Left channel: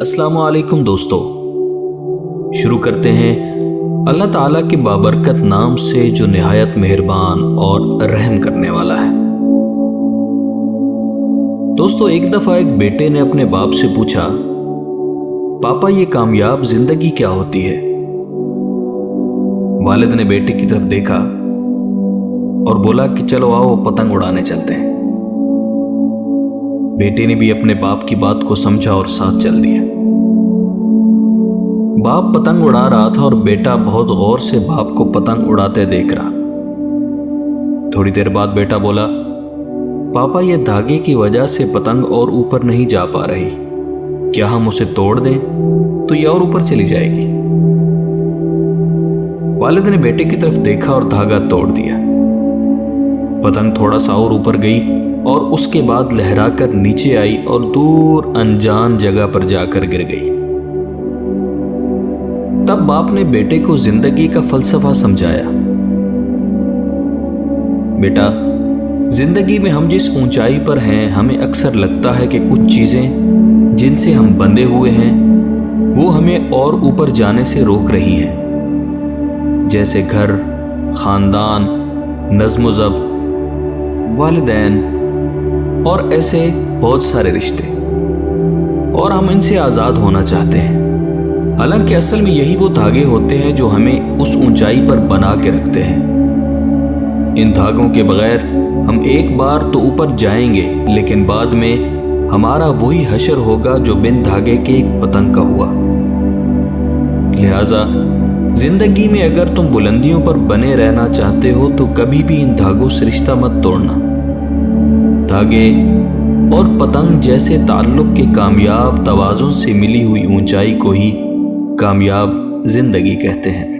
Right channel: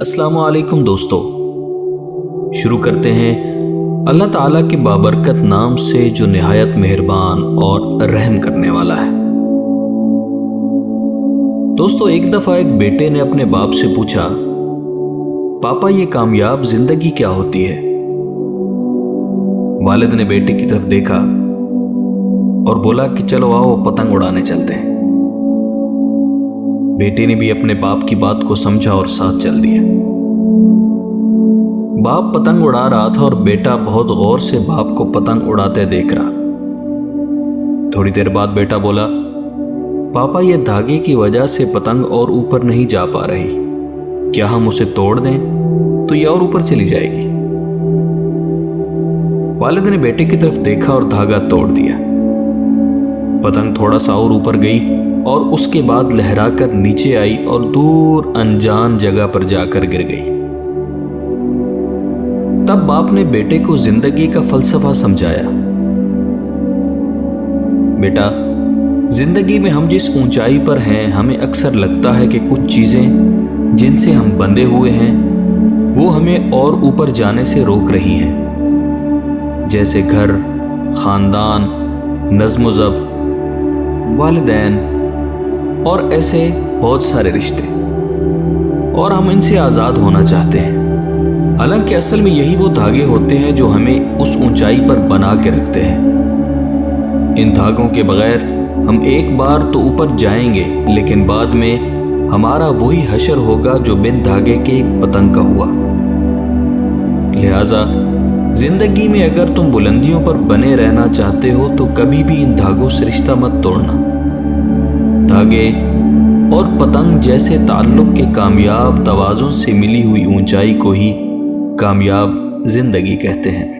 अस्सलामु अलैकुम दोस्तों, शुरू करते हैं अल्लाह ताला के बाबरकत नाम से जो निहायत मेहरबान और रहम करने वाला है। दोस्तों, एक दफ़ा एक बेटे ने अपने बाप से पूछा, पापा ये कामयाब जिंदगी क्या होती है? वालिद ने बेटे की तरफ देखा और बोला कि चलो आओ पतंग उड़ाने चलते हैं। बेटे ने भी अपने बाप की बात को समझा और साथ चल दिया। बाप पतंग उड़ा रहा था और बेटा बहुत गौर से बाप को पतंग उड़ाते देख रहा। थोड़ी देर बाद बेटा बोला, पापा ये धागे की वजह से पतंग और ऊपर नहीं जा पा रही, क्या हम उसे तोड़ दें तो ये और ऊपर चली जाएगी? वालिद ने बेटे की तरफ देखा और धागा तोड़ दिया। पतंग थोड़ा सा और ऊपर गई और उसके बाद लहराकर नीचे आई और दूर अनजान जगह पर जाकर गिर गई। तब बाप ने बेटे को जिंदगी का फलसफा समझाया। बेटा, जिंदगी में हम जिस ऊंचाई पर हैं, हमें अक्सर लगता है कि कुछ चीजें जिनसे हम बंधे हुए हैं वो हमें और ऊपर जाने से रोक रही हैं, जैसे घर, खानदान, नज़्म ज़ब्त, वालिदैन और ऐसे बहुत सारे रिश्ते, और हम इनसे आज़ाद होना चाहते हैं। हालांकि असल में यही वो धागे होते हैं जो हमें उस ऊंचाई पर बना के रखते हैं। इन धागों के बगैर हम एक बार तो ऊपर जाएंगे, लेकिन बाद में हमारा वही हशर होगा जो बिन धागे के एक पतंग का हुआ। लिहाजा जिंदगी में अगर तुम बुलंदियों पर बने रहना चाहते हो तो कभी भी इन धागों से रिश्ता मत तोड़ना। धागे और पतंग जैसे ताल्लुक के कामयाब तवाज़ुन से मिली हुई ऊंचाई को ही कामयाब जिंदगी कहते हैं।